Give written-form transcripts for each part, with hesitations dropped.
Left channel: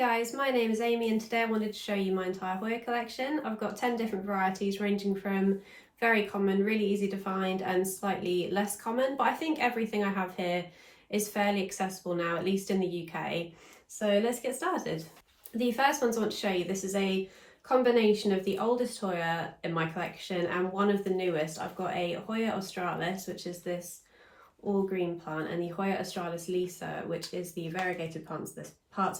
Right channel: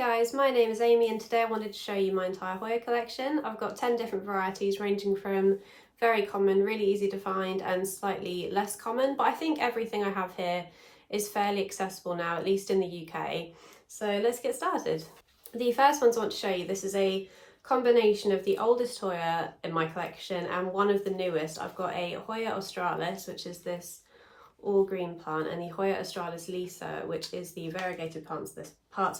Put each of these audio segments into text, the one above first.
guys, my name is Amy and today I wanted to show you my entire Hoya collection. I've got 10 different varieties ranging from very common, really easy to find and slightly less common, but I think everything I have here is fairly accessible now, at least in the UK. So let's get started. The first ones I want to show you, this is a combination of the oldest Hoya in my collection and one of the newest. I've got a Hoya Australis, which is this all green plant, and the Hoya Australis Lisa, which is the variegated parts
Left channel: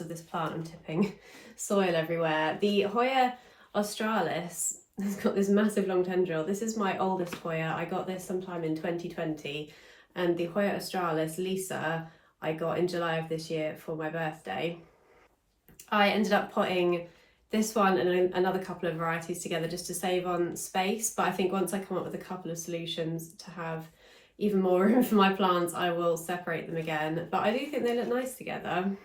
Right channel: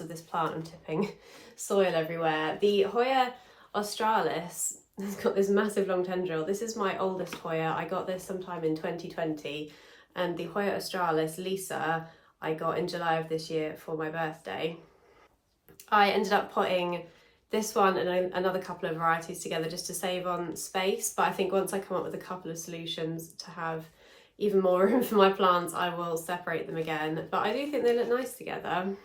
of this plant. I'm tipping soil everywhere. The Hoya Australis has got this massive long tendril. This is my oldest Hoya. I got this sometime in 2020, and the Hoya Australis Lisa I got in July of this year for my birthday. I ended up putting this one and another couple of varieties together just to save on space, but I think once I come up with a couple of solutions to have even more room for my plants, I will separate them again, but I do think they look nice together.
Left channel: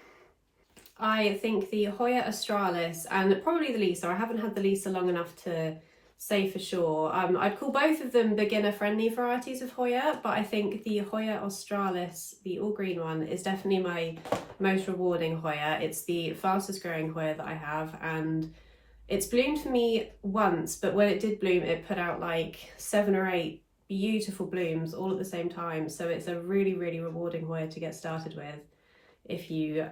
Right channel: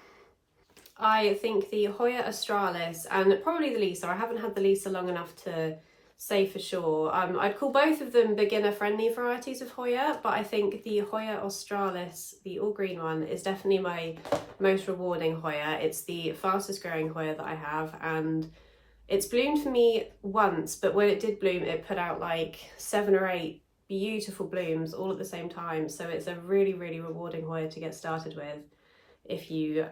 I think the Hoya Australis and probably the Lisa, I haven't had the Lisa long enough to say for sure. I'd call both of them beginner friendly varieties of Hoya, but I think the Hoya Australis, the all green one, is definitely my most rewarding Hoya. It's the fastest growing Hoya that I have, and it's bloomed for me once, but when it did bloom, it put out like 7 or 8 beautiful blooms all at the same time. So it's a really rewarding Hoya to get started with if you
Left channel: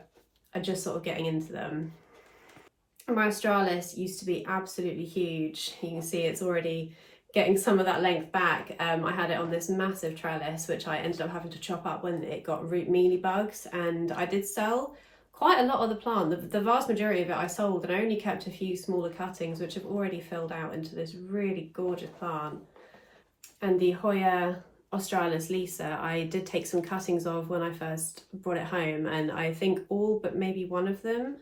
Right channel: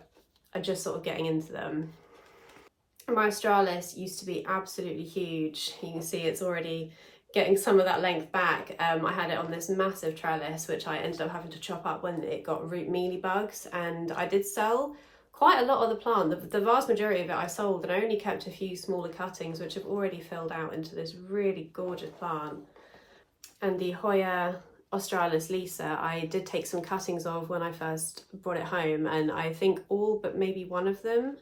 are just sort of getting into them. My Australis used to be absolutely huge. You can see it's already getting some of that length back. I had it on this massive trellis, which I ended up having to chop up when it got root mealybugs, and I did sell quite a lot of the plant. The vast majority of it I sold, and I only kept a few smaller cuttings which have already filled out into this really gorgeous plant. And the Hoya Australis Lisa, I did take some cuttings of when I first brought it home, and I think all but maybe one of them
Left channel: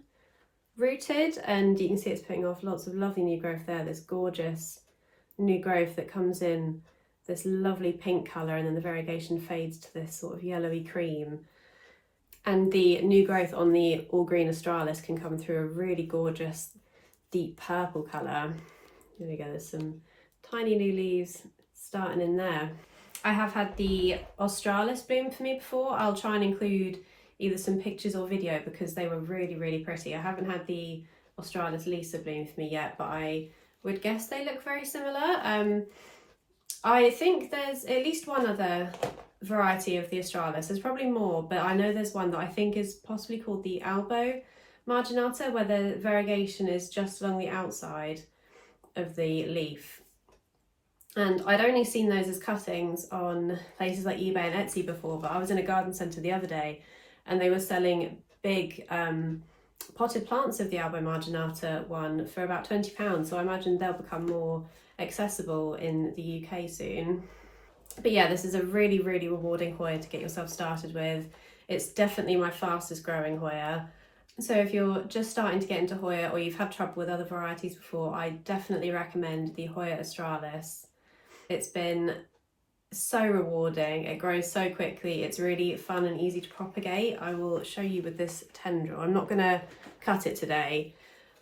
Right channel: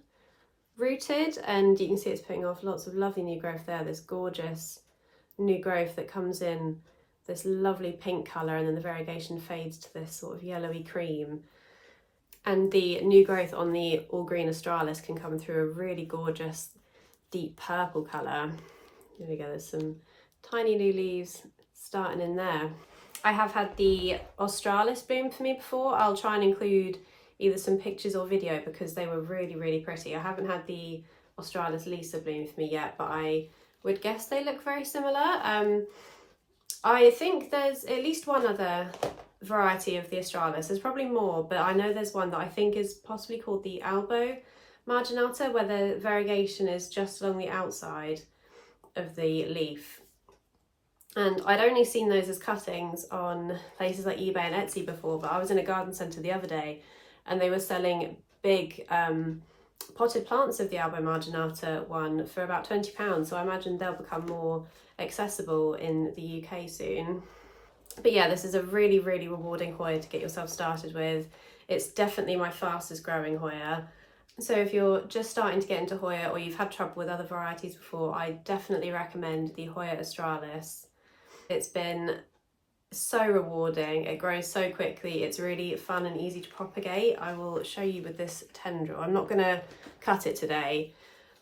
rooted, and you can see it's putting off lots of lovely new growth there, this gorgeous new growth that comes in this lovely pink colour, and then the variegation fades to this sort of yellowy cream. And the new growth on the all green Australis can come through a really gorgeous deep purple colour. There we go, there's some tiny new leaves starting in there. I have had the Australis bloom for me before. I'll try and include either some pictures or video because they were really pretty. I haven't had the Australis Lisa bloom for me yet, but I would guess they look very similar. I think there's at least one other variety of the Australis. There's probably more, but I know there's one that I think is possibly called the Albo Marginata, where the variegation is just along the outside of the leaf. And I'd only seen those as cuttings on places like eBay and Etsy before, but I was in a garden centre the other day and they were selling big potted plants of the Albo Marginata one for about £20, so I imagine they'll become more accessible in the UK soon. But yeah, this is a really rewarding Hoya to get yourself started with. It's definitely my fastest growing Hoya. So if you're just starting to get into Hoya or you've had trouble with other varieties before, I definitely recommend the Hoya Australis. It's been so rewarding, it grows so quickly, it's really fun and easy to propagate. I will show you with this tendril. I'm not going to cut it today,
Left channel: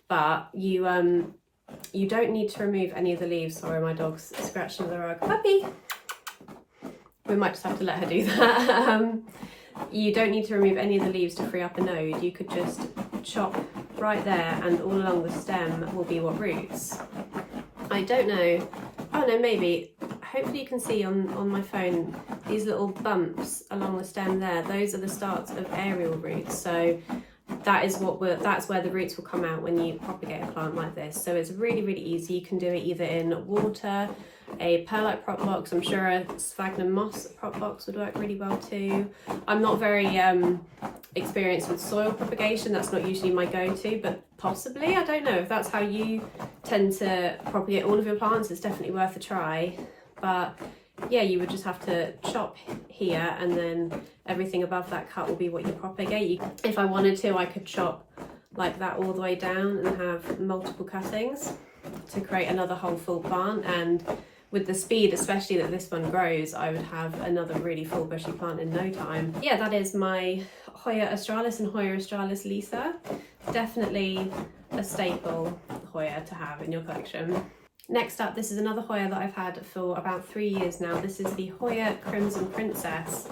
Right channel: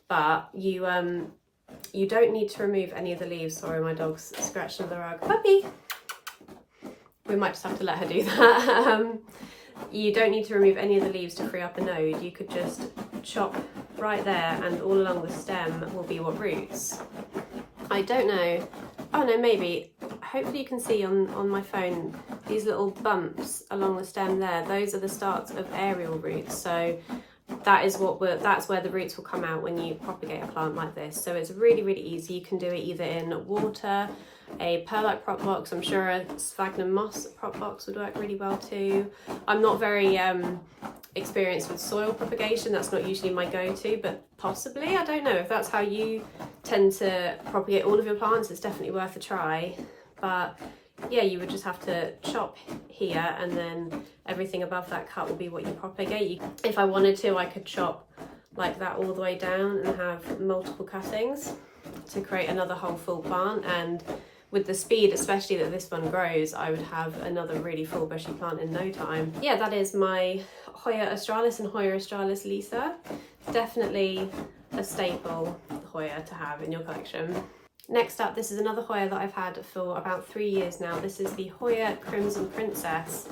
but you don't need to remove any of the leaves. Sorry, my dog's scratching the rug. Puppy! We might just have to let her do that. You don't need to remove any of the leaves to free up a node. You could just chop right there and all along the stem will be what roots. I don't know. Oh no, maybe. Hopefully you can see on my phone these little bumps along the stem there. Those are the starts of aerial roots. So that's where the roots will come out when you propagate a plant like this. So it's really easy. You can do it either in water, a perlite prop box. I'm sure a sphagnum moss prop box would work really well too. I'm not very experienced with soil propagation. That's not usually my go-to, but possibly, I don't know if that's how you tend to propagate all of your plants. It's definitely worth a try. But yeah, you would just have to chop here and then everything above that cut will be what you propagate. If I wanted to, I could chop like that all the way down and have multiple cuttings to create another whole full plant. And with the speed, especially that this one grows, I would have another really full bushy plant in no time. Yeah, that is my Hoya Australis and Hoya Australis Lisa. Definitely a staple Hoya to have in your collection. Next up, this is another Hoya that I've had for about 3 years now. This is the Hoya Crimson Princess,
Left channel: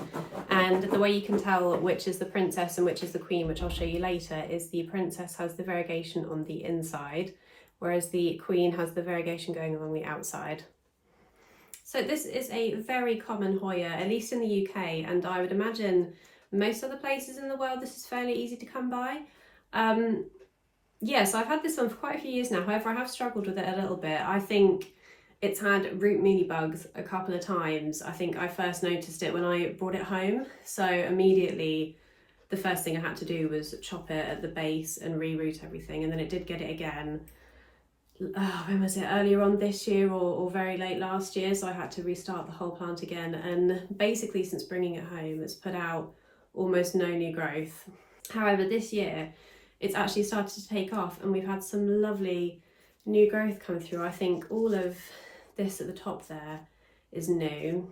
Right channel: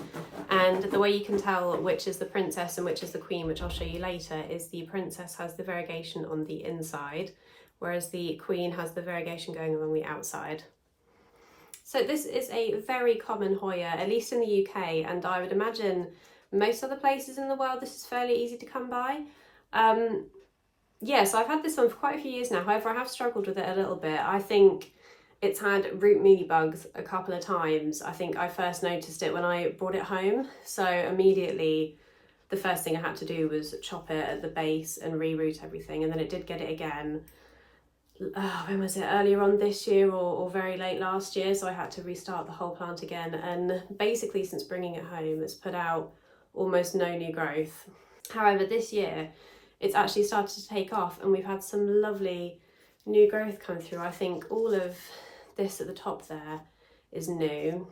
and the way you can tell which is the princess and which is the queen, which I'll show you later, is the princess has the variegation on the inside, whereas the queen has the variegation going along the outside. So this is a very common Hoya, at least in the UK, and I would imagine most other places in the world this is fairly easy to come by. Yes, I've had this one for quite a few years now, however I have struggled with it a little bit. I think it's had root mealybugs a couple of times. I think I first noticed it when I brought it home, so immediately the first thing I had to do was chop it at the base and re-root everything, and then it did get it again. When was it? Earlier on this year or very late last year, so I had to restart the whole plant again, and basically since bringing it home it's put out almost no new growth. However, this year it's actually started to take off and we've had some lovely new growth come through. I think all of this at the top there is new.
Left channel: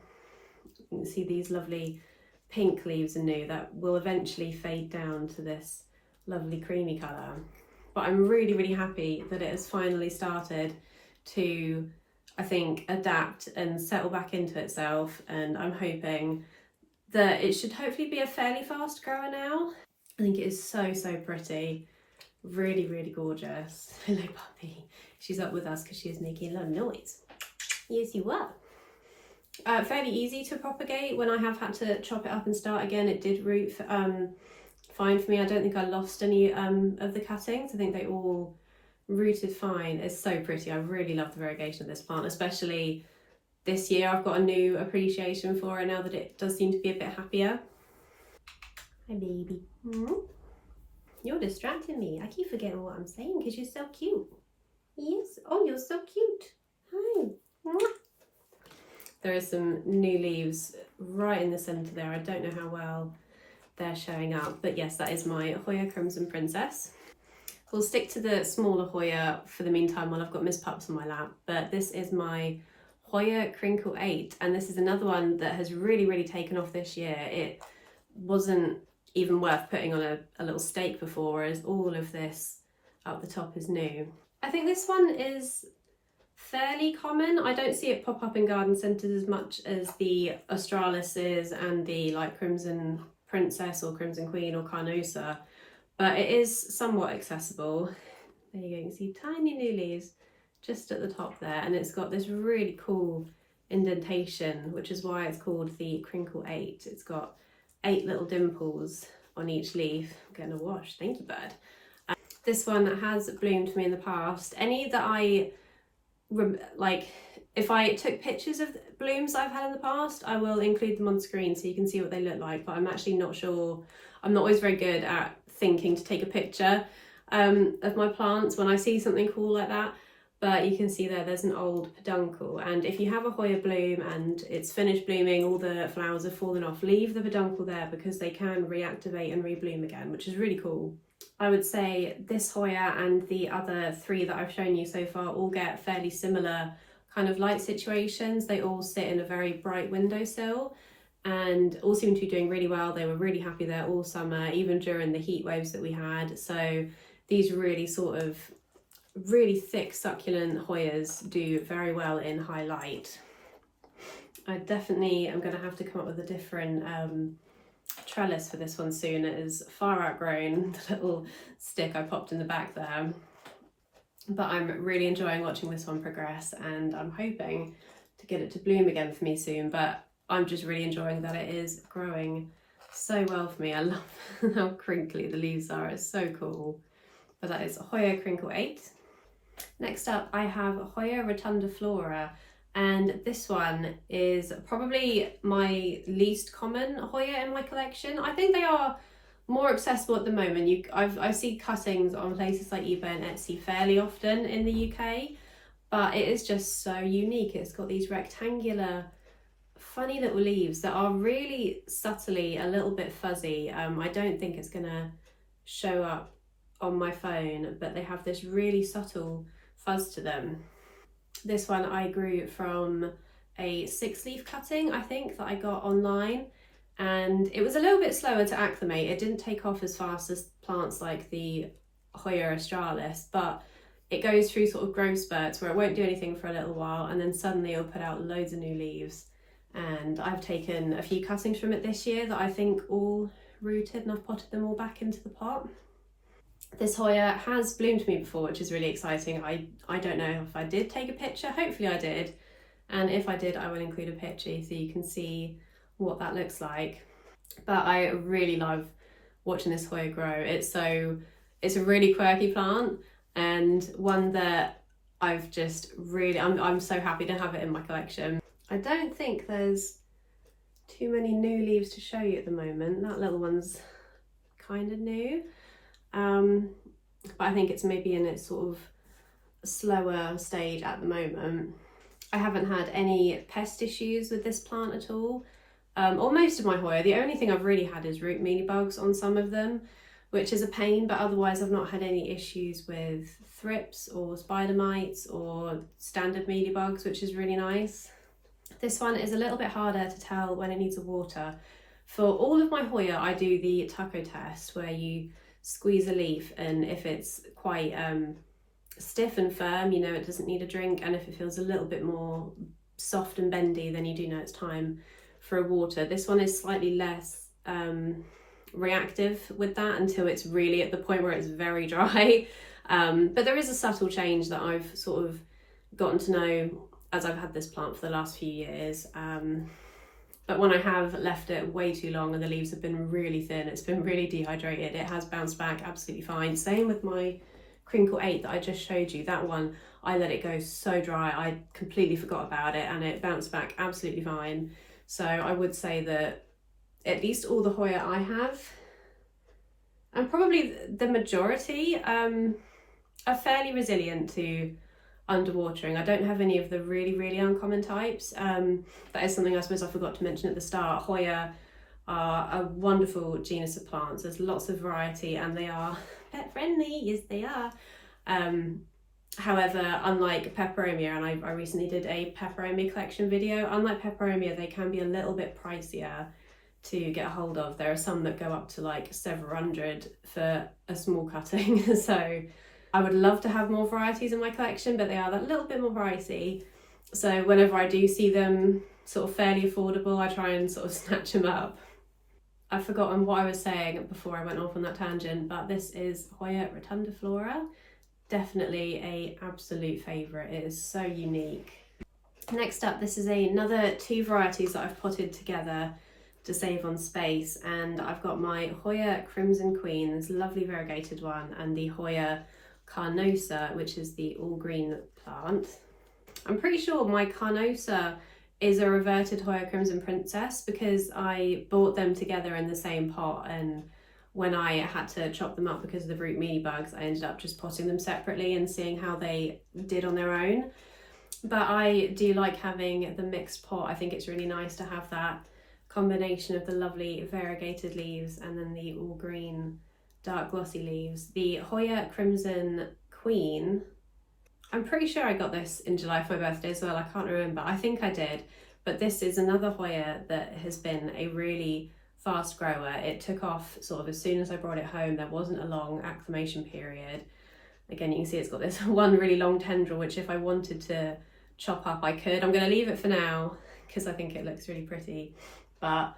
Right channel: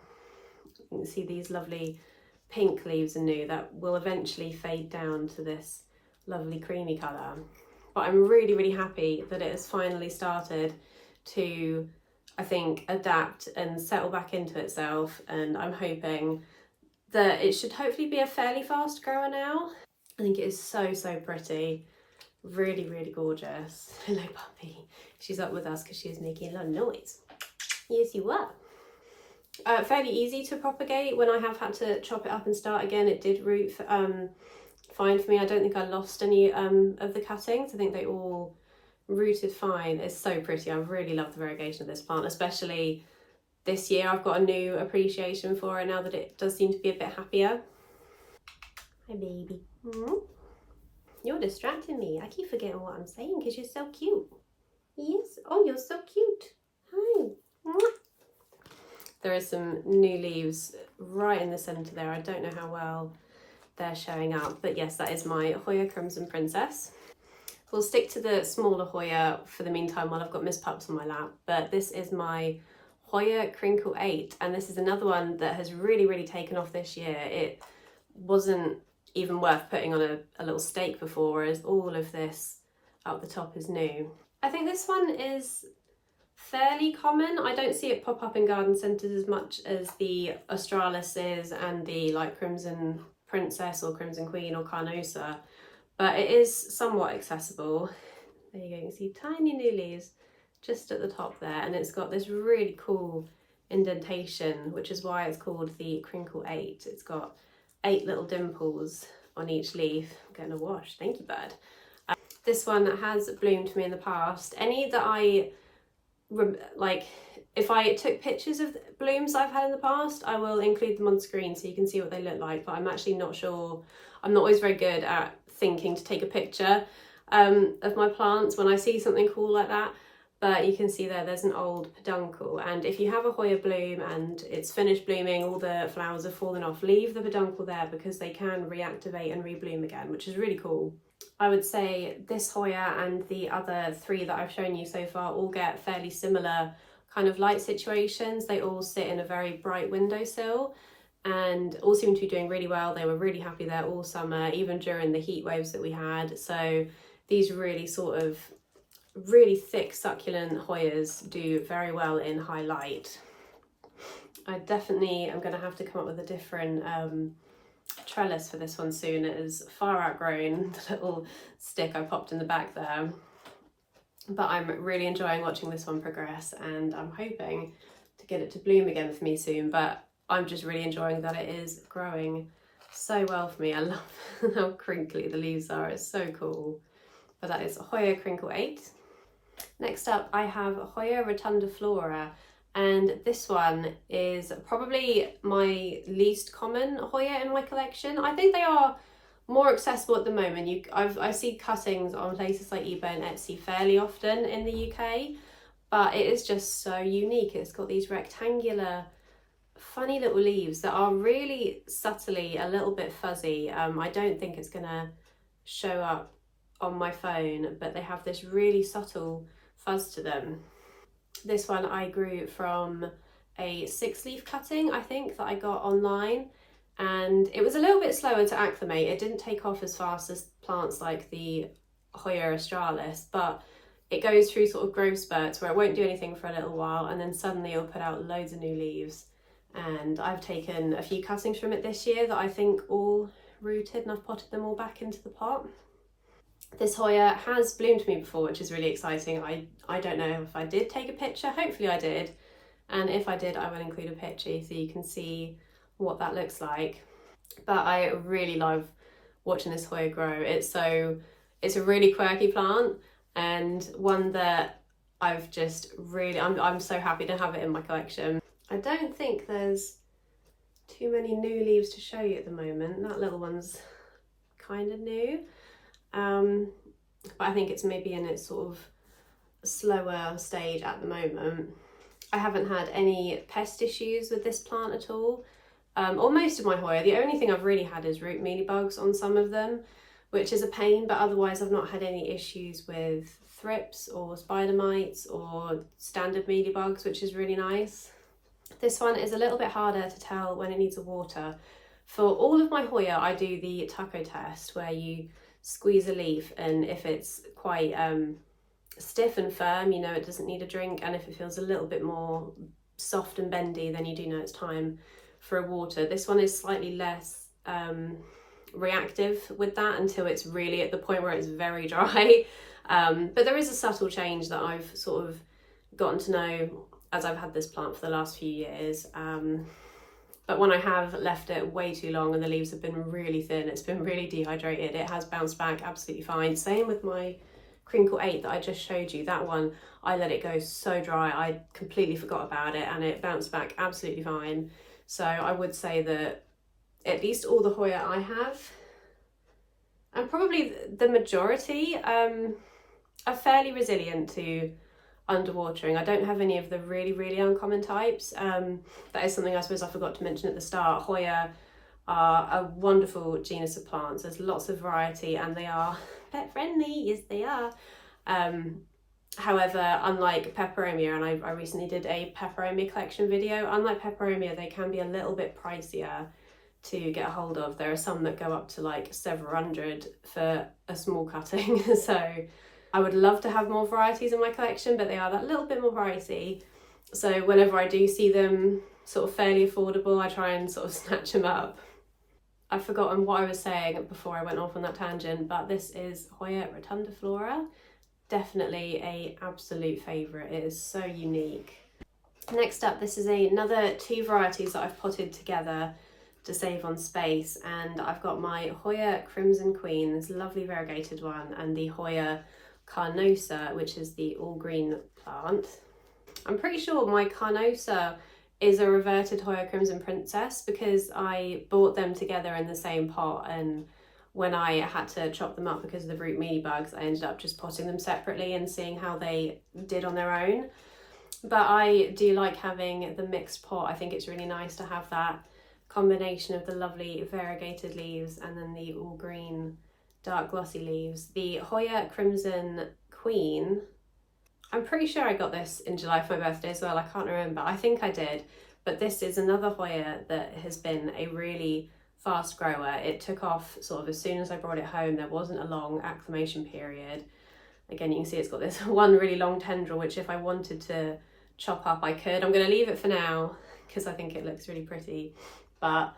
You can see these lovely pink leaves are new that will eventually fade down to this lovely creamy colour. But I'm really, really happy that it has finally started to, I think, adapt and settle back into itself, and I'm hoping that it should hopefully be a fairly fast grower now. I think it is so, so pretty. Really, really gorgeous. Hello, puppy. She's up with us because she was making a lot of noise. Yes, you were. Fairly easy to propagate. When I have had to chop it up and start again, it did root fine for me. I don't think I lost any of the cuttings. I think they all rooted fine. It's so pretty. I really love the variegation of this plant, especially this year. I've got a new appreciation for it now that it does seem to be a bit happier. Hi, baby. You're distracting me. I keep forgetting what I'm saying because you're so cute. Yes. Oh, you're so cute. Hi. There are some new leaves right in the centre there. I don't know how well they're showing up, but yes, that is my Hoya Crimson Princess. We'll stick to the smaller Hoya for the meantime while I've got Miss Pups on my lap, but this is my Hoya Crinkle 8, and this is another one that has really, really taken off this year. It wasn't even worth putting on a little stake before, whereas all of this up the top is new. I think this one is fairly common. I don't see it pop up in garden centres as much as the Australis is and the like Crimson Princess or Crimson Queen or Carnosa, but it is somewhat accessible. There you go, you can see tiny new leaves just at the top there, and it's got this really cool indentation, which is why it's called the Crinkle 8. It's got 8 little dimples on each leaf. I'm getting a wash, thank you, bird. This one has bloomed for me in the past. Any that I like, if I took pictures of blooms I've had in the past, I will include them on screen so you can see what they look like, but I'm actually not sure. I'm not always very good at thinking to take a picture of my plants when I see something cool like that. But you can see there's an old peduncle, and if you have a Hoya bloom and it's finished blooming, all the flowers have fallen off, leave the peduncle there because they can reactivate and rebloom again, which is really cool. I would say this Hoya and the other 3 that I've shown you so far all get fairly similar kind of light situations. They all sit in a very bright windowsill and all seem to be doing really well. They were really happy there all summer, even during the heat waves that we had. So these really sort of really thick succulent Hoyas do very well in high light. I definitely am going to have to come up with a different trellis for this one soon. It is far outgrown the little stick I popped in the back there, but I'm really enjoying watching this one progress, and I'm hoping to get it to bloom again for me soon. But I'm just really enjoying that it is growing so well for me. I love how crinkly the leaves are. It's so cool. But that is Hoya Crinkle 8. Next up, I have Hoya Retundaflora, and this one is probably my least common Hoya in my collection. I think they are more accessible at the moment. I see cuttings on places like eBay and Etsy fairly often in the UK, but it is just so unique. It's got these rectangular, funny little leaves that are really subtly a little bit fuzzy. I don't think it's gonna show up on my phone, but they have this really subtle fuzz to them. This one I grew from a 6-leaf cutting, I think, that I got online, and it was a little bit slower to acclimate. It didn't take off as fast as plants like the Hoya Australis, but it goes through sort of growth spurts where it won't do anything for a little while, and then suddenly it'll put out loads of new leaves. And I've taken a few cuttings from it this year that I think all rooted, and I've potted them all back into the pot. This Hoya has bloomed me before, which is really exciting. I don't know if I did take a picture, hopefully I did. And if I did, I will include a picture so you can see what that looks like. But I really love watching this Hoya grow. It's a really quirky plant, and one that I've just really, I'm so happy to have it in my collection. I don't think there's too many new leaves to show you at the moment. That little one's kind of new. But I think it's maybe in its sort of slower stage at the moment. I haven't had any pest issues with this plant at all, or most of my Hoya. The only thing I've really had is root mealybugs on some of them, which is a pain, but otherwise I've not had any issues with thrips or spider mites or standard mealybugs, which is really nice. This one is a little bit harder to tell when it needs a water. For all of my Hoya, I do the Tucko test, where you squeeze a leaf, and if it's quite stiff and firm, you know it doesn't need a drink, and if it feels a little bit more soft and bendy, then you do know it's time for a water. This one is slightly less reactive with that until it's really at the point where it's very dry. But there is a subtle change that I've sort of gotten to know as I've had this plant for the last few years. But when I have left it way too long and the leaves have been really thin, it's been really dehydrated, it has bounced back absolutely fine. Same with my Crinkle 8 that I just showed you. That one, I let it go so dry, I completely forgot about it, and it bounced back absolutely fine. So I would say that at least all the Hoya I have, and probably the majority, are fairly resilient to underwatering. I don't have any of the really uncommon types. That is something I suppose I forgot to mention at the start. Hoya are a wonderful genus of plants. There's lots of variety and they are pet friendly, yes they are. However, unlike peperomia, and I recently did a peperomia collection video, unlike peperomia, they can be a little bit pricier to get a hold of. There are some that go up to like several hundred for a small cutting. So I would love to have more varieties in my collection, but they are that little bit more pricey. So whenever I do see them sort of fairly affordable, I try and sort of snatch them up. I've forgotten what I was saying before I went off on that tangent, but this is Hoya Retundaflora. Definitely a absolute favourite. It is so unique. Next up, this is another two varieties that I've potted together to save on space, and I've got my Hoya Crimson Queen, this lovely variegated one, and the Hoya Carnosa, which is the all green plant. I'm pretty sure my Carnosa is a reverted Hoya Crimson Princess because I bought them together in the same pot, and when I had to chop them up because of the root mealybugs, I ended up just potting them separately and seeing how they did on their own. But I do like having the mixed pot. I think it's really nice to have that combination of the lovely variegated leaves and then the all green dark glossy leaves. The Hoya Crimson Queen, I'm pretty sure I got this in July for my birthday as well. I can't remember, I think I did. But this is another Hoya that has been a really fast grower. It took off sort of as soon as I brought it home. There wasn't a long acclimation period. Again, you can see it's got this one really long tendril, which if I wanted to chop up, I could. I'm going to leave it for now because I think it looks really pretty, but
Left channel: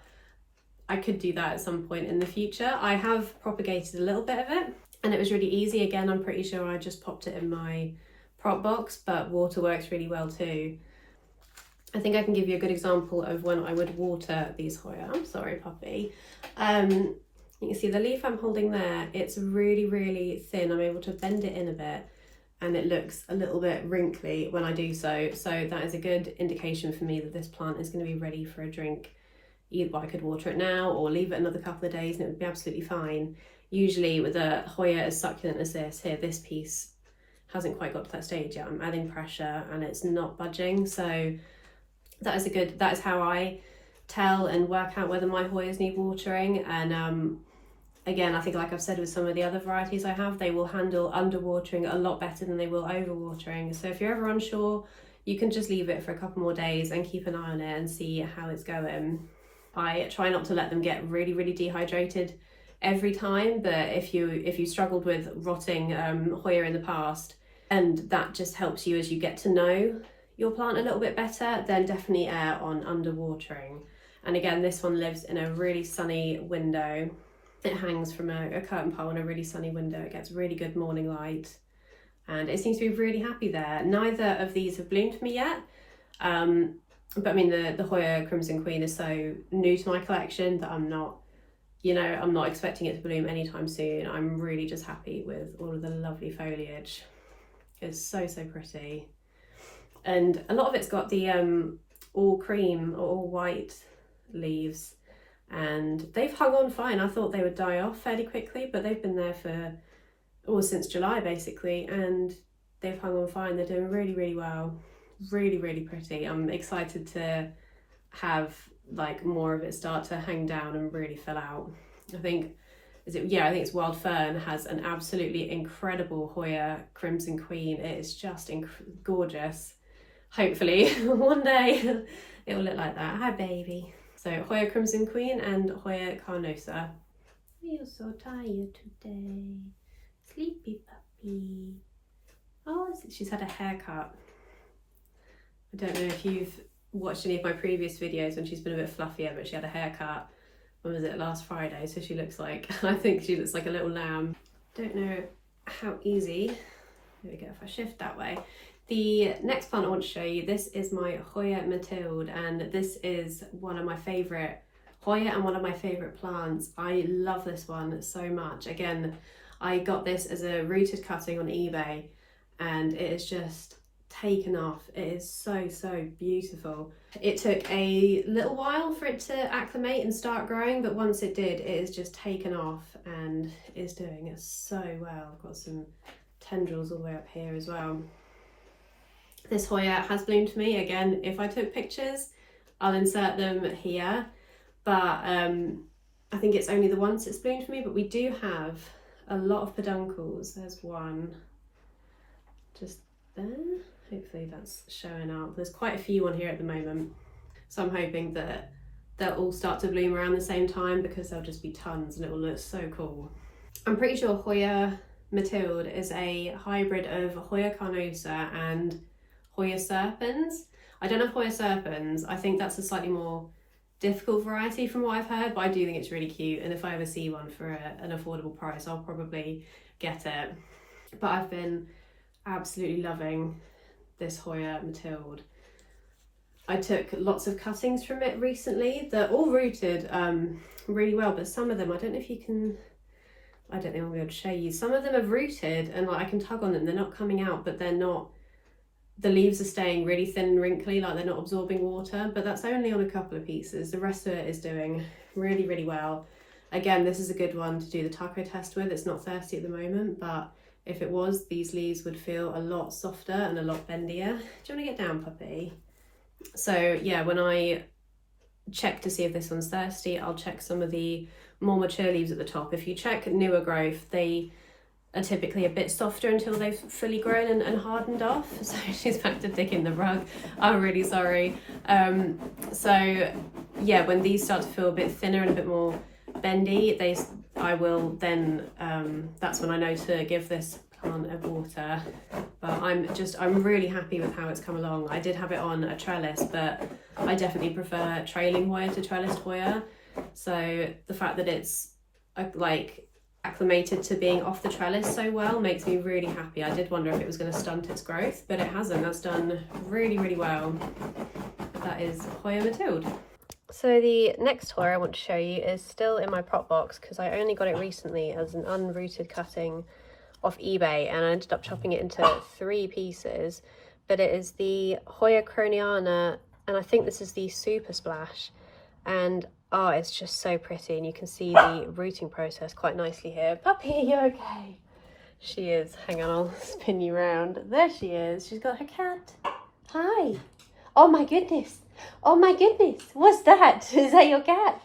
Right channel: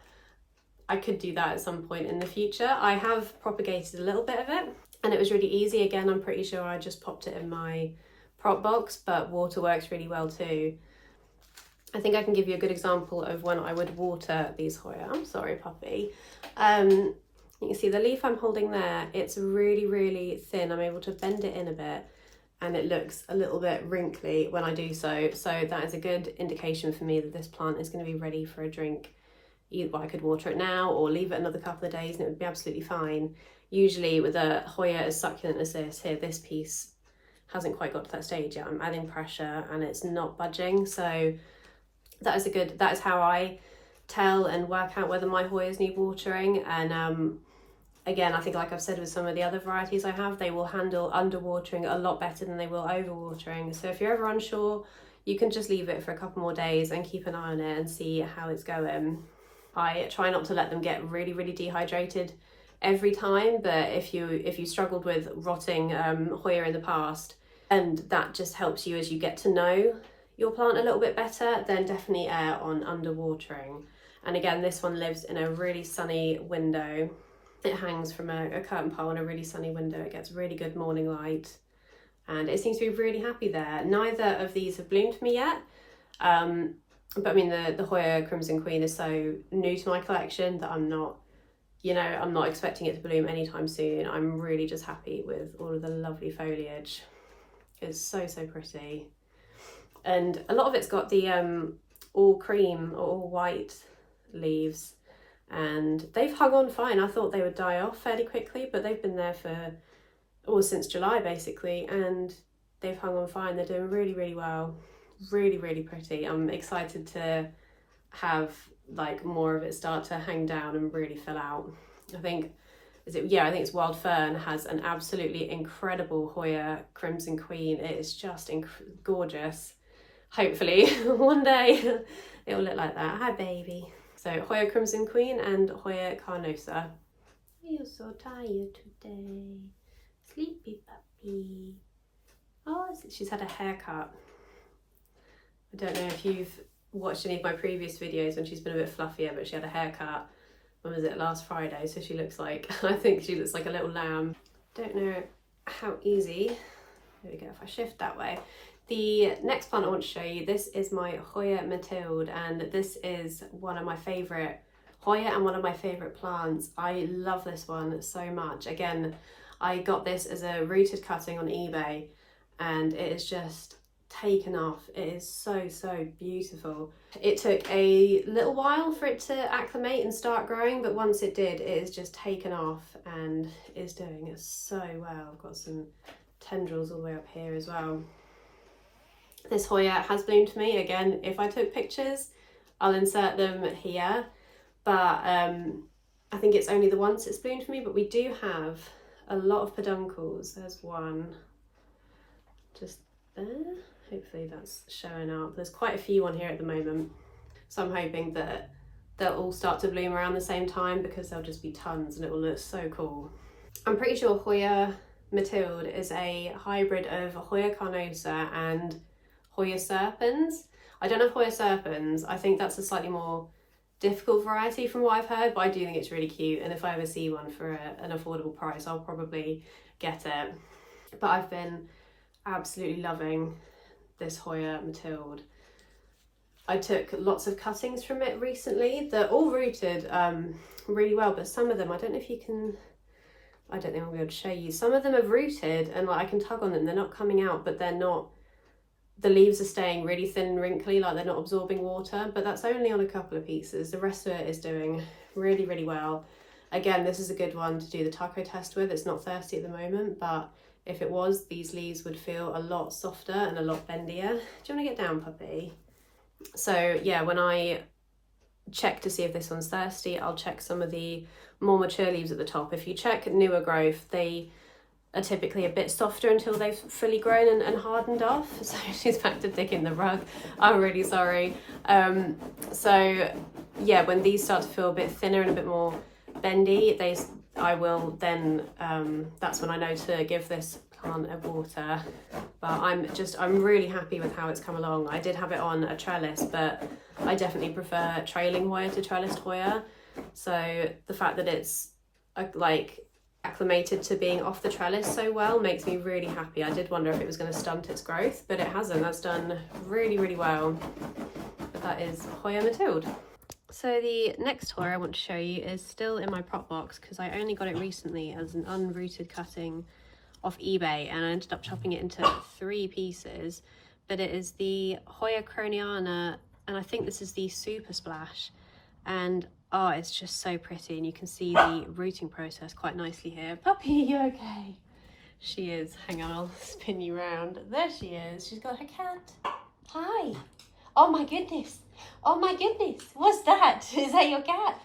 I could do that at some point in the future. I have propagated a little bit of it and it was really easy. Again, I'm pretty sure I just popped it in my prop box, but water works really well too. I think I can give you a good example of when I would water these Hoya. I'm sorry, puppy. You can see the leaf I'm holding there, it's really thin. I'm able to bend it in a bit and it looks a little bit wrinkly when I do so. So that is a good indication for me that this plant is going to be ready for a drink. Well, I could water it now or leave it another couple of days and it would be absolutely fine. Usually with a Hoya as succulent as this, here, this piece hasn't quite got to that stage yet. I'm adding pressure and it's not budging. So that is how I tell and work out whether my Hoyas need watering. And again, I think like I've said with some of the other varieties I have, they will handle underwatering a lot better than they will overwatering. So if you're ever unsure, you can just leave it for a couple more days and keep an eye on it and see how it's going. I try not to let them get really dehydrated every time, but if you struggled with rotting Hoya in the past, and that just helps you as you get to know your plant a little bit better. Then definitely err on under watering. And again, this one lives in a really sunny window. It hangs from a curtain pole in a really sunny window. It gets really good morning light, and it seems to be really happy there. Neither of these have bloomed for me yet, but I mean the Hoya Crimson Queen is so new to my collection that I'm not, you know, I'm not expecting it to bloom anytime soon. I'm really just happy with all of the lovely foliage. It's so pretty, and a lot of it's got the all cream or all white leaves, and they've hung on fine. I thought they would die off fairly quickly, but they've been there for since July basically, and they've hung on fine. They're doing really well. Really pretty. I'm excited to have like more of it start to hang down and really fill out. I think it's Wild Fern has an absolutely incredible Hoya Crimson Queen. It is just gorgeous. Hopefully one day it will look like that. Hi baby. So Hoya Crimson Queen and Hoya Carnosa. You're so tired today. Sleepy puppy. Oh, she's had a haircut. I don't know if you've watched any of my previous videos when she's been a bit fluffier, but she had a haircut. When was it? Last Friday. So she looks like, I think she looks like a little lamb. Don't know how easy. There we go. If I shift that way. The next plant I want to show you, this is my Hoya Mathilde, and this is one of my favourite Hoya and one of my favourite plants. I love this one so much. Again, I got this as a rooted cutting on eBay, and it is just taken off. It is so beautiful. It took a little while for it to acclimate and start growing, but once it did, it is just taken off and is doing it so well. I've got some tendrils all the way up here as well. This Hoya has bloomed for me. Again, if I took pictures, I'll insert them here, but I think it's only the once it's bloomed for me. But we do have a lot of peduncles. There's one just there. Hopefully that's showing up. There's quite a few on here at the moment, so I'm hoping that they'll all start to bloom around the same time, because there'll just be tons and it will look so cool. I'm pretty sure Hoya Mathilde is a hybrid of Hoya Carnosa and Hoya Serpens. I don't know Hoya Serpens. I think that's a slightly more difficult variety from what I've heard, but I do think it's really cute, and if I ever see one for an affordable price, I'll probably get it. But I've been absolutely loving this Hoya Mathilde. I took lots of cuttings from it recently. They're all rooted really well, but some of them, I don't know if you can, I don't think I'll be able to show you. Some of them have rooted and like I can tug on them, they're not coming out, but they're not, the leaves are staying really thin and wrinkly, like they're not absorbing water, but that's only on a couple of pieces. The rest of it is doing really well. Again, this is a good one to do the taco test with. It's not thirsty at the moment, but if it was, these leaves would feel a lot softer and a lot bendier. Do you want to get down, puppy? So yeah, when I check to see if this one's thirsty, I'll check some of the more mature leaves at the top. If you check newer growth, they are typically a bit softer until they've fully grown and hardened off. So she's back to digging the rug. I'm really sorry. So yeah, when these start to feel a bit thinner and a bit more bendy, I will then, that's when I know to give this plant a water. But I'm really happy with how it's come along. I did have it on a trellis, but I definitely prefer trailing Hoya to trellised Hoya. So the fact that it's like acclimated to being off the trellis so well makes me really happy. I did wonder if it was going to stunt its growth, but it hasn't. That's done really well. That is Hoya Mathilde. So the next Hoya I want to show you is still in my prop box, because I only got it recently as an unrooted cutting off eBay, and I ended up chopping it into 3 pieces. But it is the Hoya Croniana, and I think this is the Super Splash, and oh, it's just so pretty, and you can see the rooting process quite nicely here. Puppy, are you okay? She is. Hang on, I'll spin you round. There she is. She's got her cat. Hi. Oh my goodness. Oh my goodness. What's that? Is that your cat?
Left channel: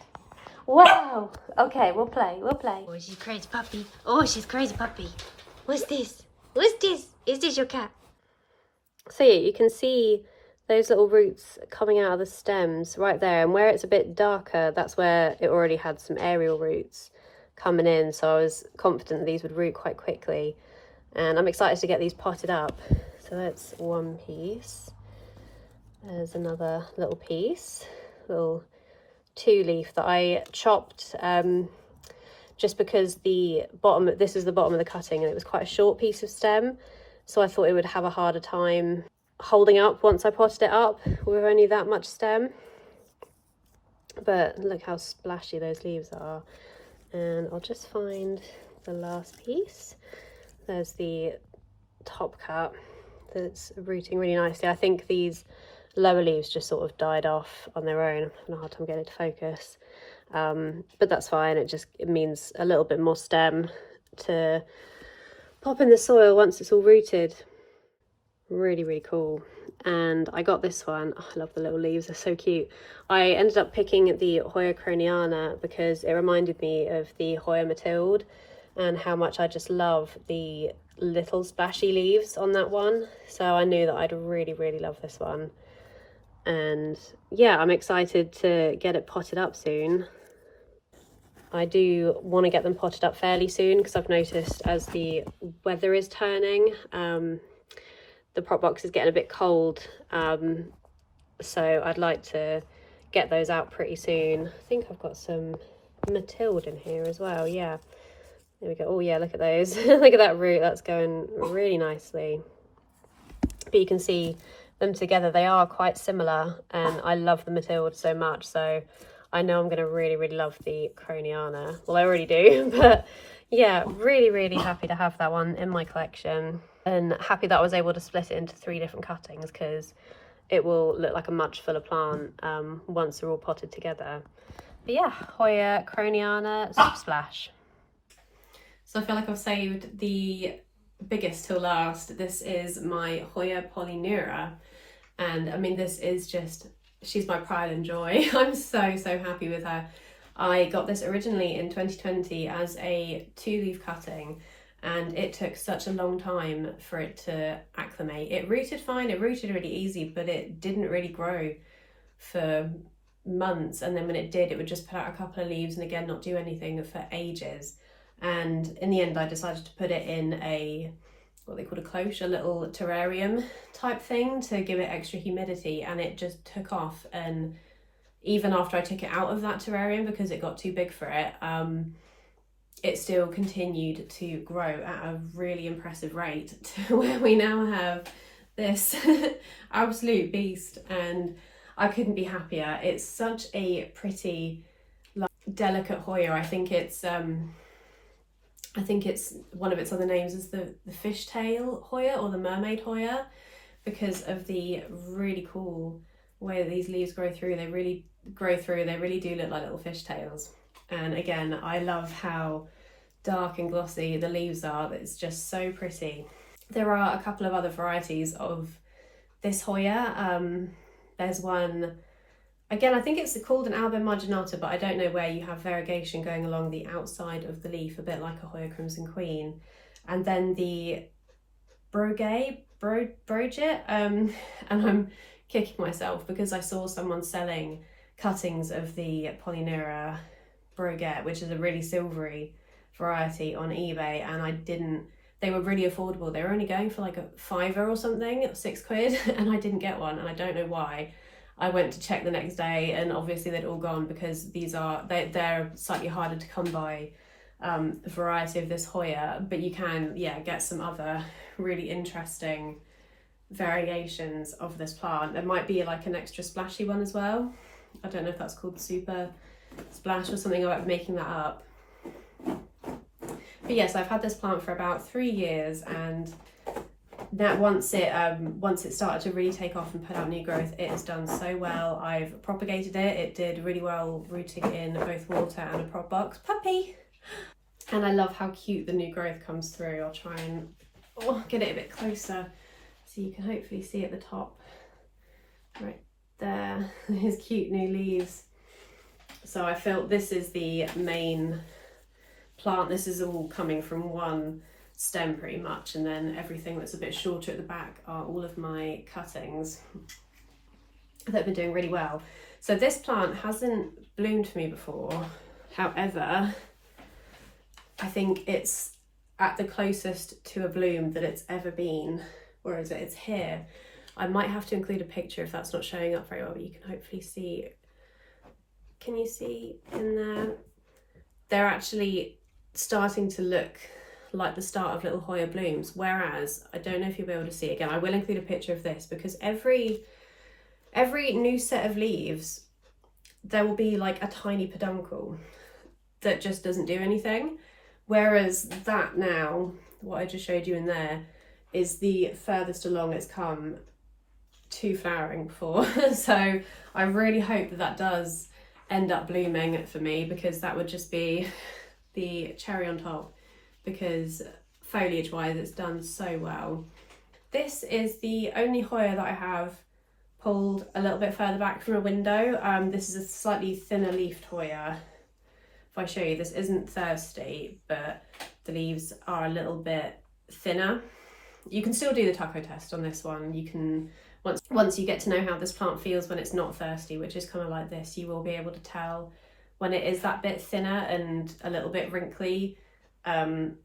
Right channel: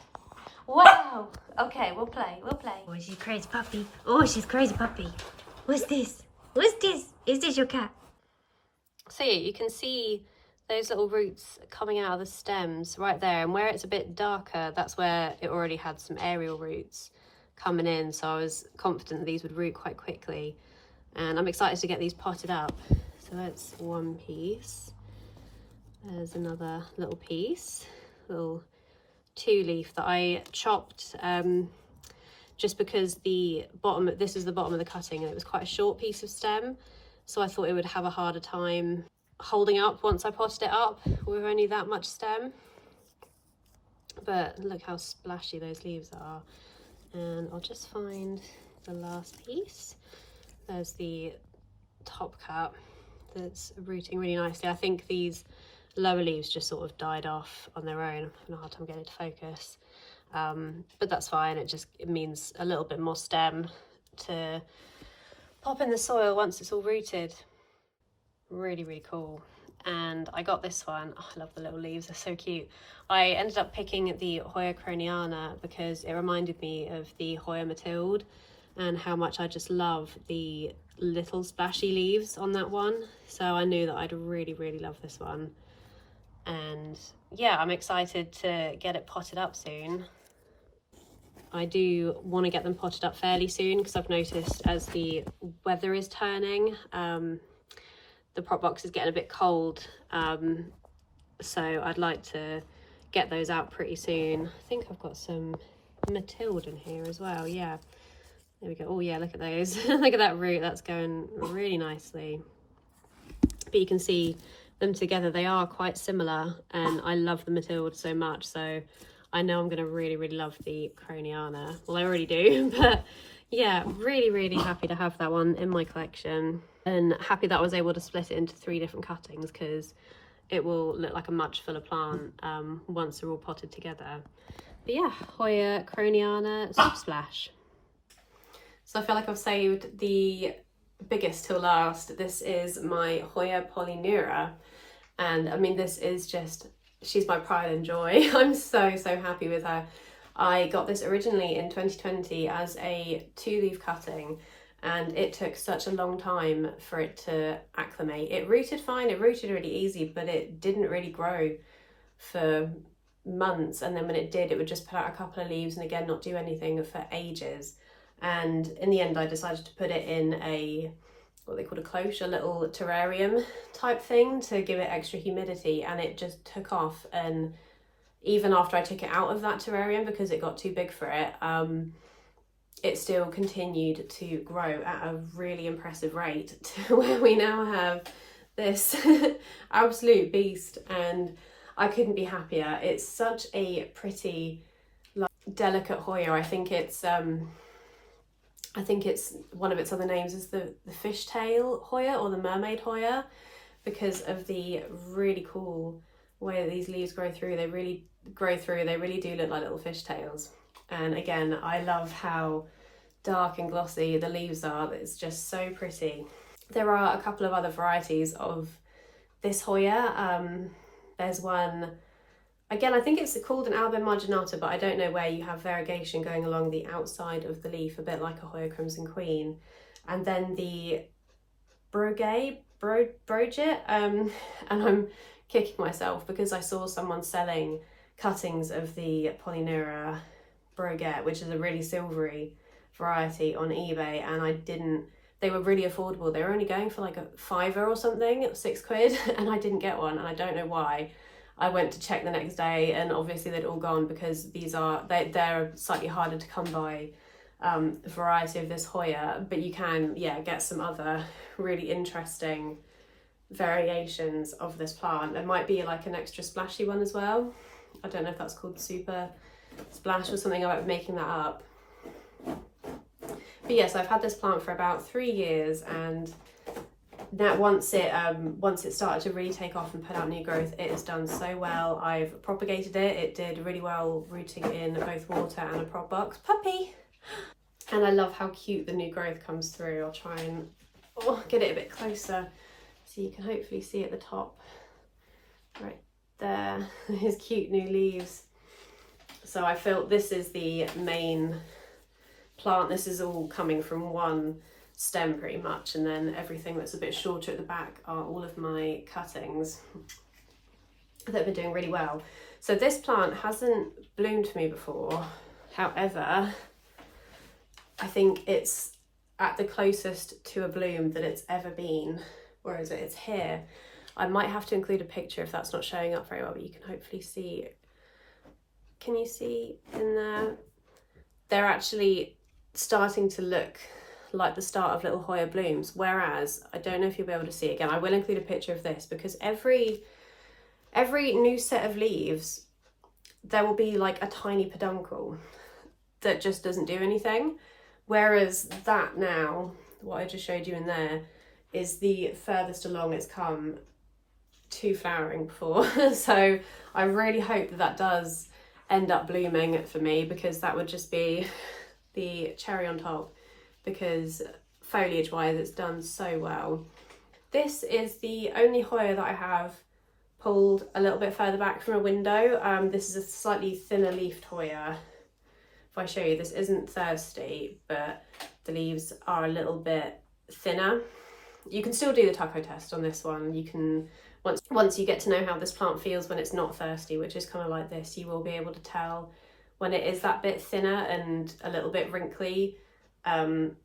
Wow. Okay, we'll play. Oh, she's crazy puppy. Oh, she's crazy puppy. What's this? What's this? Is this your cat? So yeah, you can see those little roots coming out of the stems right there, and where it's a bit darker, that's where it already had some aerial roots coming in, so I was confident these would root quite quickly. and I'm excited to get these potted up. So that's one piece. There's another little piece, little 2-leaf that I chopped just because this is the bottom of the cutting and it was quite a short piece of stem, so I thought it would have a harder time holding up once I potted it up with only that much stem. But look how splashy those leaves are. And I'll just find the last piece. There's the top cut that's rooting really nicely. I think these lower leaves just sort of died off on their own. I'm having a hard time getting it to focus, but that's fine. It means a little bit more stem to pop in the soil once it's all rooted. Really, really cool. And I got this one. Oh, I love the little leaves, they're so cute. I ended up picking the Hoya Croniana because it reminded me of the Hoya Mathilde and how much I just love the little splashy leaves on that one. So I knew that I'd really, really love this one. And yeah, I'm excited to get it potted up soon. I do want to get them potted up fairly soon because I've noticed as the weather is turning, the prop box is getting a bit cold, so I'd like to get those out pretty soon. I think I've got some Mathilde in here as well. Yeah, there we go. Oh yeah, look at those. Look at that root, that's going really nicely. But you can see them together, they are quite similar, and I love the Mathilde so much, so I know I'm going to really, really love the Croniana. Well, I already do, but yeah, really, really happy to have that one in my collection, and happy that I was able to split it into 3 different cuttings because it will look like a much fuller plant once they're all potted together. But yeah, Hoya Croniana Super Splash. So I feel like I've saved the biggest till last. This is my Hoya Polyneura, and I mean, this is just, she's my pride and joy. I'm so happy with her. I got this originally in 2020 as a 2-leaf cutting, and it took such a long time for it to acclimate. It rooted fine, it rooted really easy, but it didn't really grow for months, and then when it did, it would just put out a couple of leaves and again not do anything for ages. And in the end I decided to put it in a, what they call a cloche, a little terrarium type thing to give it extra humidity, and it just took off. And even after I took it out of that terrarium because it got too big for it, it still continued to grow at a really impressive rate to where we now have this absolute beast, and I couldn't be happier. It's such a pretty, like, delicate Hoya. I think it's one of its other names is the fishtail Hoya or the mermaid Hoya, because of the really cool way that these leaves grow through. They really grow through, they really do look like little fishtails. And again, I love how dark and glossy the leaves are. It's just so pretty. There are a couple of other varieties of this Hoya. There's one, again, I think it's called an Alba marginata, but I don't know, where you have variegation going along the outside of the leaf, a bit like a Hoya Crimson Queen. And then the Broget, and I'm kicking myself because I saw someone selling cuttings of the Polyneura Broget, which is a really silvery variety, on eBay, and they were really affordable. They were only going for like a £5 or something, £6, and I didn't get one, and I don't know why. I went to check the next day, and obviously they'd all gone because they're slightly harder to come by variety of this Hoya, but you can, yeah, get some other really interesting variations of this plant. There might be like an extra splashy one as well. I don't know if that's called Super Splash or something. I might be making that up. But yes, I've had this plant for about 3 years, and that once it started to really take off and put out new growth, it has done so well. I've propagated it. It did really well rooting in both water and a prop box. Puppy! And I love how cute the new growth comes through. I'll try and get it a bit closer so you can hopefully see at the top. Right there, his cute new leaves. So I felt this is the main plant. This is all coming from one stem pretty much, and then everything that's a bit shorter at the back are all of my cuttings that have been doing really well. So this plant hasn't bloomed for me before. However, I think it's at the closest to a bloom that it's ever been. Where is it? It's here. I might have to include a picture if that's not showing up very well, but you can hopefully see. Can you see in there? They're actually starting to look like the start of little Hoya blooms, whereas I don't know if you'll be able to see it again. I will include a picture of this because every new set of leaves there will be like a tiny peduncle that just doesn't do anything, whereas that now, what I just showed you in there, is the furthest along it's come to flowering before. So I really hope that that does end up blooming for me, because that would just be the cherry on top, because foliage wise it's done so well. This is the only Hoya that I have pulled a little bit further back from a window. This is a slightly thinner leafed Hoya. If I show you, this isn't thirsty, but the leaves are a little bit thinner. You can still do the taco test on this one. You can, once you get to know how this plant feels when it's not thirsty, which is kind of like this, you will be able to tell when it is that bit thinner and a little bit wrinkly, to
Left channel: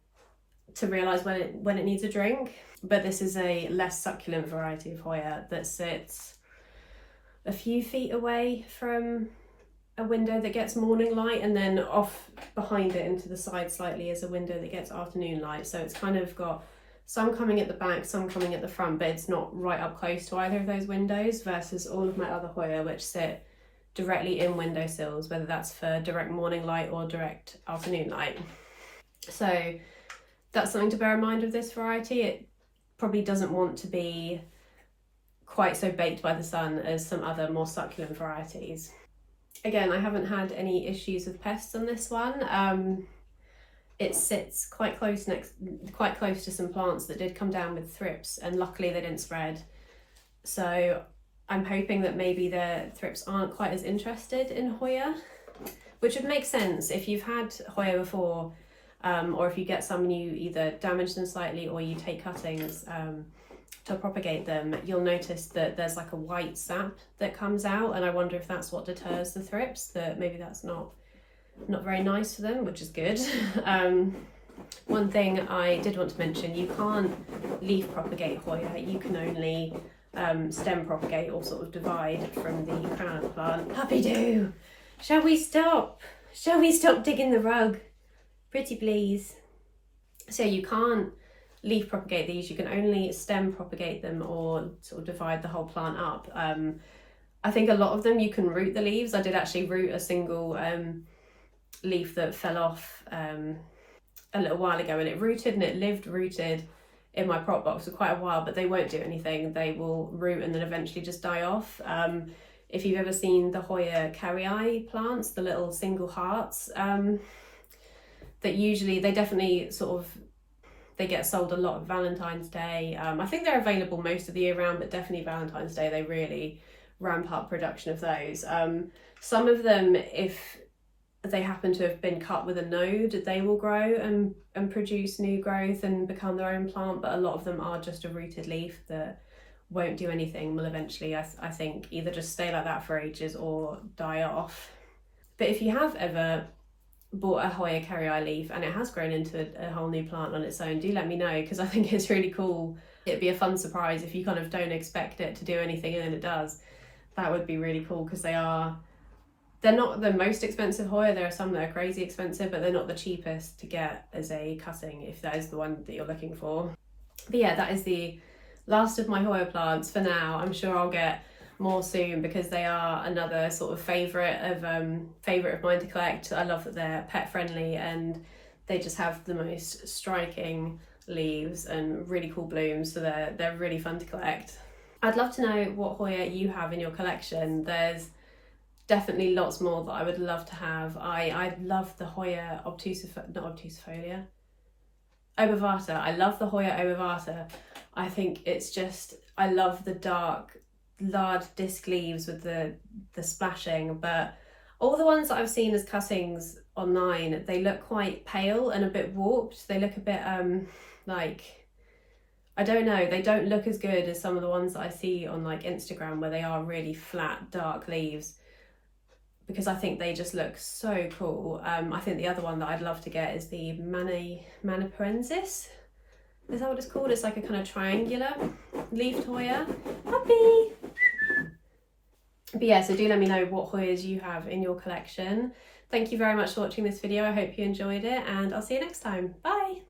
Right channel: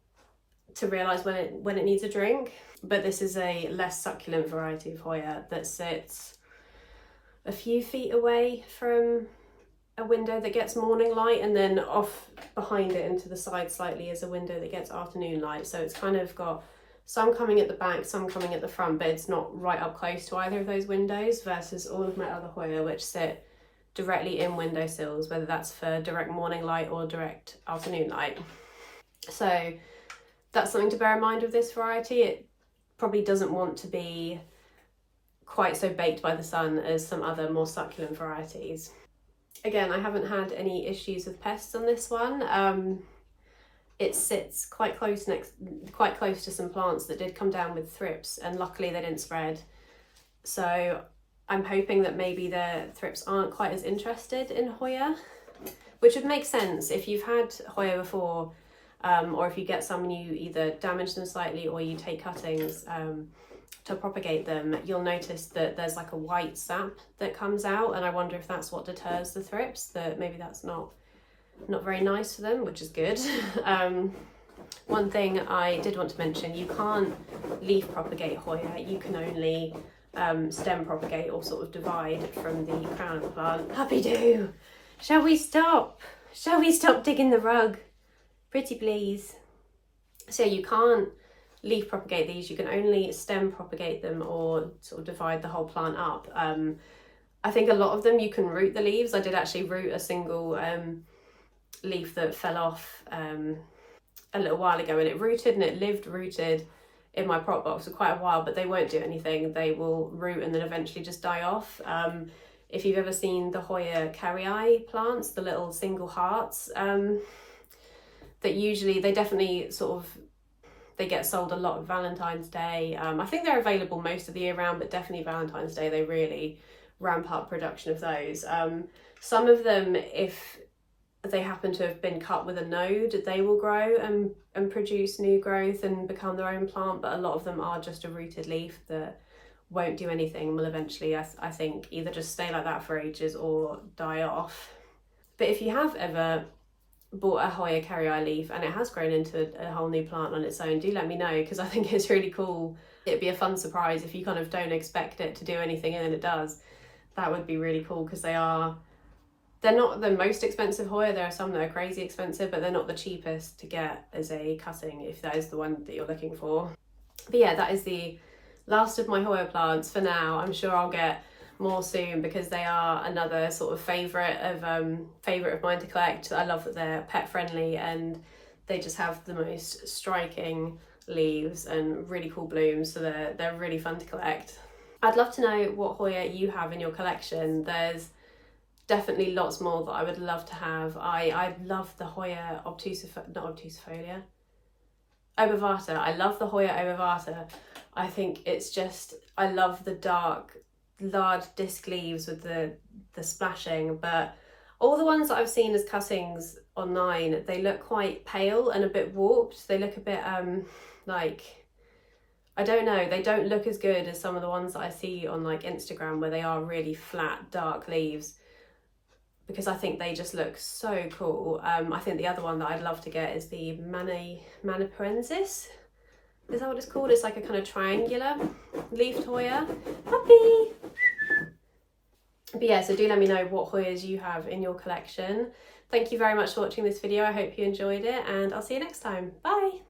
realise when it needs a drink. But this is a less succulent variety of Hoya that sits a few feet away from a window that gets morning light, and then off behind it into the side slightly is a window that gets afternoon light. So it's kind of got some coming at the back, some coming at the front, but it's not right up close to either of those windows, versus all of my other Hoya which sit directly in windowsills, whether that's for direct morning light or direct afternoon light. So that's something to bear in mind with this variety. It probably doesn't want to be quite so baked by the sun as some other more succulent varieties. Again, I haven't had any issues with pests on this one. It sits quite close to some plants that did come down with thrips, and luckily they didn't spread. So I'm hoping that maybe the thrips aren't quite as interested in Hoya, which would make sense if you've had Hoya before, or if you get some and you either damage them slightly or you take cuttings to propagate them. You'll notice that there's like a white sap that comes out, and I wonder if that's what deters the thrips, that maybe that's not very nice for them, which is good. One thing I did want to mention, you can't leaf propagate Hoya, you can only stem propagate or sort of divide from the crown of the plant. Puppy do! Shall we stop? Shall we stop digging the rug? Pretty please. So you can't leaf propagate these, you can only stem propagate them or sort of divide the whole plant up. I think a lot of them you can root the leaves. I did actually root a single leaf that fell off a little while ago, and it rooted and it lived rooted in my prop box for quite a while, but they won't do anything. They will root and then eventually just die off. If you've ever seen the Hoya carrii plants, the little single hearts, that usually they definitely sort of, they get sold a lot of Valentine's Day. I think they're available most of the year round, but definitely Valentine's Day they really ramp up production of those. Some of them, if they happen to have been cut with a node, they will grow and produce new growth and become their own plant, but a lot of them are just a rooted leaf that won't do anything, will eventually, I think, either just stay like that for ages or die off. But if you have ever bought a Hoya carrii leaf and it has grown into a whole new plant on its own, do let me know, because I think it's really cool. It'd be a fun surprise if you kind of don't expect it to do anything and then it does. That would be really cool, because they're not the most expensive Hoya. There are some that are crazy expensive, but they're not the cheapest to get as a cutting, if that is the one that you're looking for. But yeah, that is the last of my Hoya plants for now. I'm sure I'll get more soon, because they are another sort of favourite of mine to collect. I love that they're pet friendly and they just have the most striking leaves and really cool blooms, so they're really fun to collect. I'd love to know what Hoya you have in your collection. There's definitely lots more that I would love to have. I love the Hoya obtusifolia, obovata. I love the Hoya obovata. I think it's just, I love the dark, large disc leaves with the splashing, but all the ones that I've seen as cuttings online, they look quite pale and a bit warped. They look a bit like, I don't know, they don't look as good as some of the ones that I see on like Instagram, where they are really flat, dark leaves. because I think they just look so cool. I think the other one that I'd love to get is the Maniparensis. Is that what it's called? It's like a kind of triangular leafed Hoya. Puppy! But yeah, so do let me know what Hoyas you have in your collection. Thank you very much for watching this video. I hope you enjoyed it, and I'll see you next time. Bye!